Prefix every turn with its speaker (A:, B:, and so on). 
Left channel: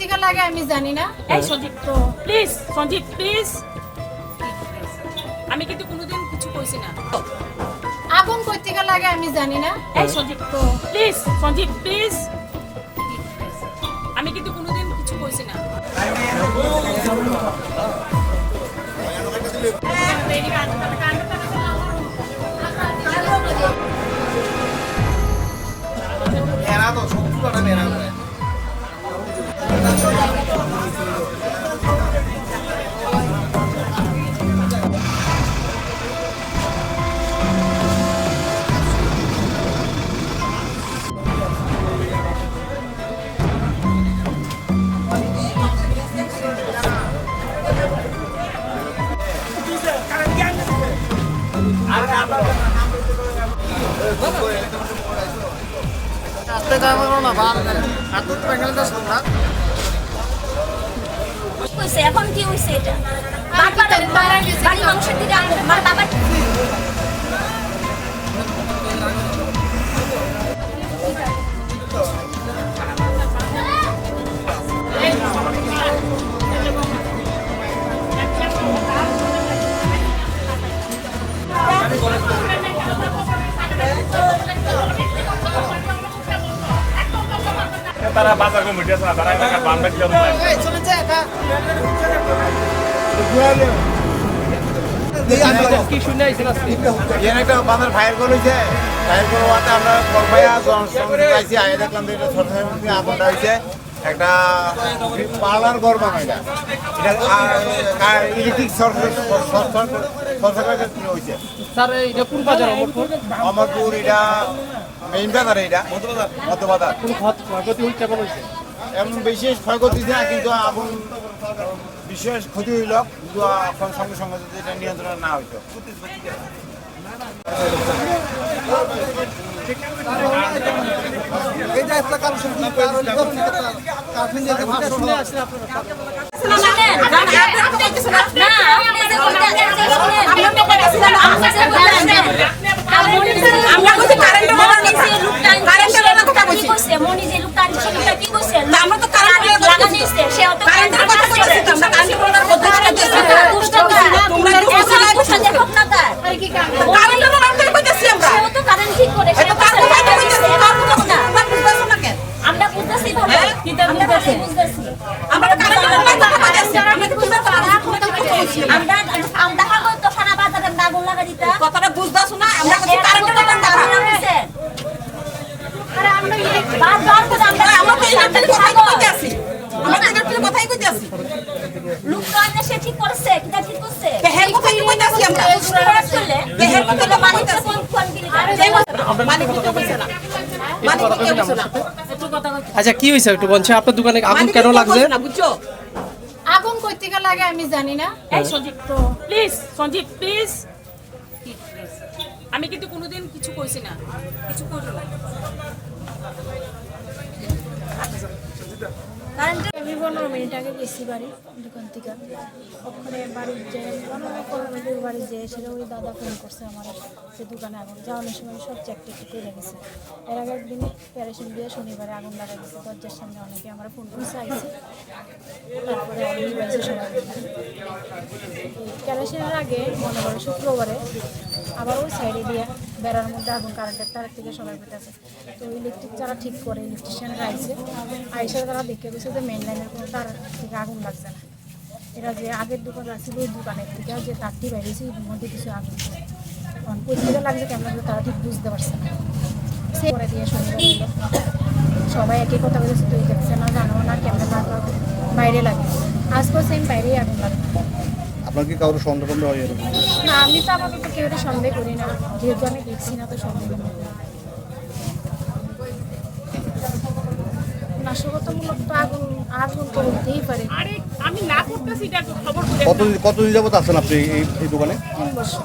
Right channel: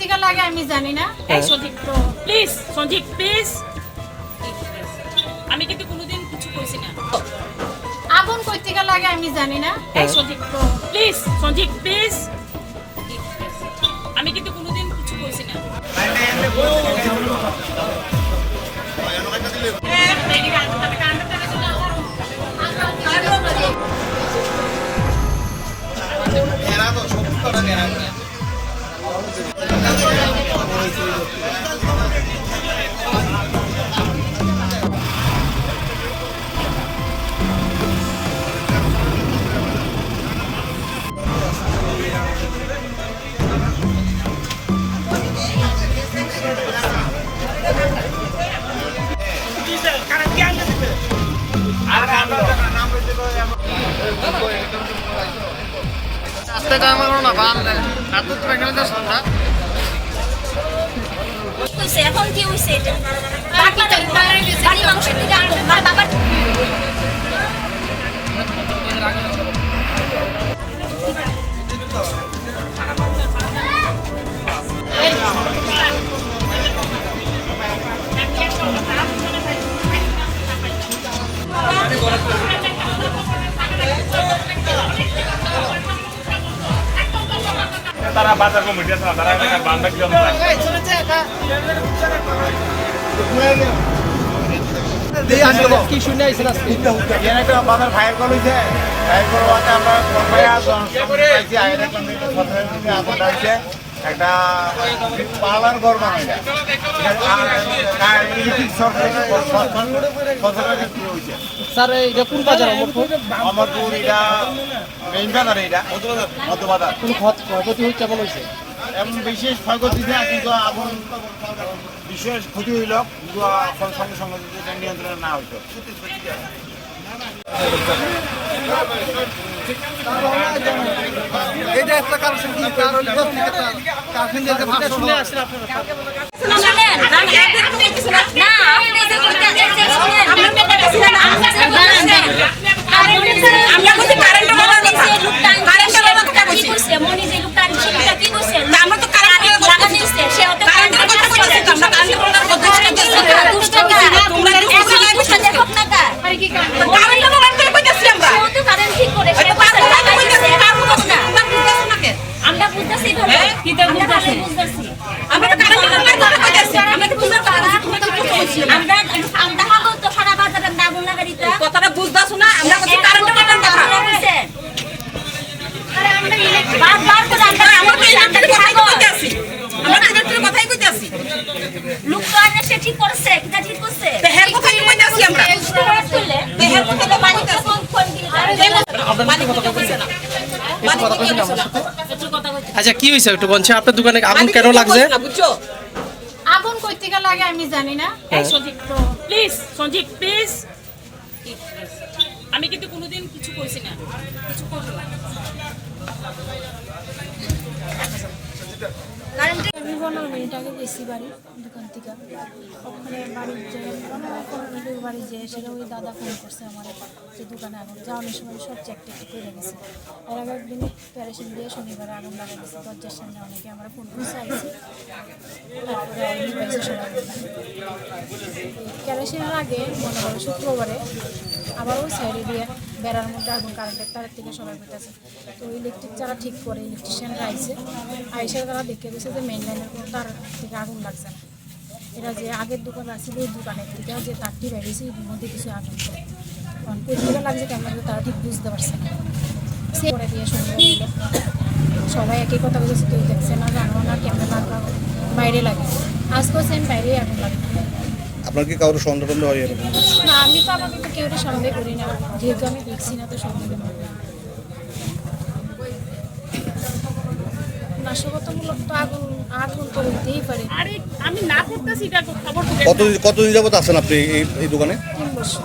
A: থেকে লাগে আমি জানি না
B: এই সন্দীপ তো প্লিজ সন্দীপ প্লিজ আমি কিন্তু কোনোদিন কিছু কইছি না
A: আগুন কই থেকে লাগে আমি জানি না
B: এই সন্দীপ তো প্লিজ সন্দীপ প্লিজ আমি কিন্তু কোনোদিন কিছু কইছি না
C: আস্তে কাম করো না বাম এত তো এখানে যাস না?
D: হইছে, এখন কি বাড়ি মানুষের দিকে আগুন মা বাবার
E: তারা বাজার কমিটি আছে তারা একটা
C: ফায়ার আমরা একটা পার্লার ঘর
F: বাজার?
C: অমরপুর এটা মেইন বাজার এটা। মধ্য বাজার
F: কোন ক্ষতি হচ্ছে কেমন হয়েছে?
C: এমন বিশেষ ক্ষয়ক্ষতি না কিন্তু আগুন বিশেষ ক্ষতি হইল কিন্তু এখন সঙ্গে সঙ্গে যদি এটা নিয়ন্ত্রণে না হইতো
F: একটা কালেকশন কি? কার হলে? কত থেকে কালেকশন দিয়ে ভাষণ হলো
D: শুনেন না আপনি যে কইতে আছেন শুনেন আমরা না? আমরা কথা লাগাইতে কইছে
A: আরে আমরা ইলেকট্রিক
D: বারবার করে আমরা আমরা তো ইলেকট্রিক কথাই কইতাছি
B: আমরা ইলেকট্রিক কথাই কইতাছি
D: লোক তো আনে সে ঠিক করছে কিটা ঠিক করছে?
B: দেহের কথাই কইতাছি আমরা।
D: দেহের কথা তো পানি তো কম কম দিলে
B: মানে কথা কইছে না
F: আচ্ছা কি হয়েছে একটু বলছে আপনার দোকানে আগুন কেন লাগছে?
A: আগুন কই থেকে লাগে আমি জানি না।
B: এই সন্দীপ তো। Please Sandip please. আমি কিন্তু কোনোদিন কিছু কইছি না। কিছু করব না।
A: পনেরো মিনিট আগে গেছি বাড়ি, দোকান থেকে। ওখানে বাড়ির যে পনেরো মিনিটের বাড়ি যে সেটা ওই দাদা ফোন করছে আমার যে দোকানে আগুন যাওয়ানোর সময় সব চেক টেক করে গেছে। এর আগে একদিন প্যারেশন দিয়ে শনিবারে আগুন লাগা গেছে দরজার সামনে অনেকে আমার ফোন করে চাইছে তারপরে আমি পাইছে সবাই। ক্যারেশনের আগে মনে করো শুক্রবারে আবার ওই সাইডে দিয়ে বেড়ার মধ্যে আগুন কারেন্টের তারের থেকে সবাই পেতেছে তো ইলেকট্রিক যারা ঠিক করে ইলেকট্রিশিয়ানরা আইসে আইসে তারা দেখে গেছে যে মেইন লাইনের কোনো তার থেকে আগুন লাগছে না। এরা যে আগের দোকান আছে, ওই দোকানের থেকে যে তারটি বেরিয়েছে এর মধ্যে কিছু আগুন। কারণ কোথা লাগছে কেমন তারা ঠিক বুঝতে পারছে না। সে করে দিয়ে শনিবার সবাই একই কথা বলেছে কেউ দেখছে না, জানো না কেমন লাগল বাইরে লাগে। আজকেও সেম বাইরেই আগুন লাগে
F: আপনার কি কারোর সন্দেহ টন্দেহ হয় এরকম?
A: না আমি তো আপাতত কেউ সন্দেহ করি না। যেহেতু আমি দেখছি না তো সন্দেহ নাশকতামূলক তো আগুন আগুন তো হতেই পারে।
B: আরে আমি না করতেছি এটা খবর করে
F: কত কতদিন যাবত আছেন আপনি এই এই দোকানে?
A: তিন বছর।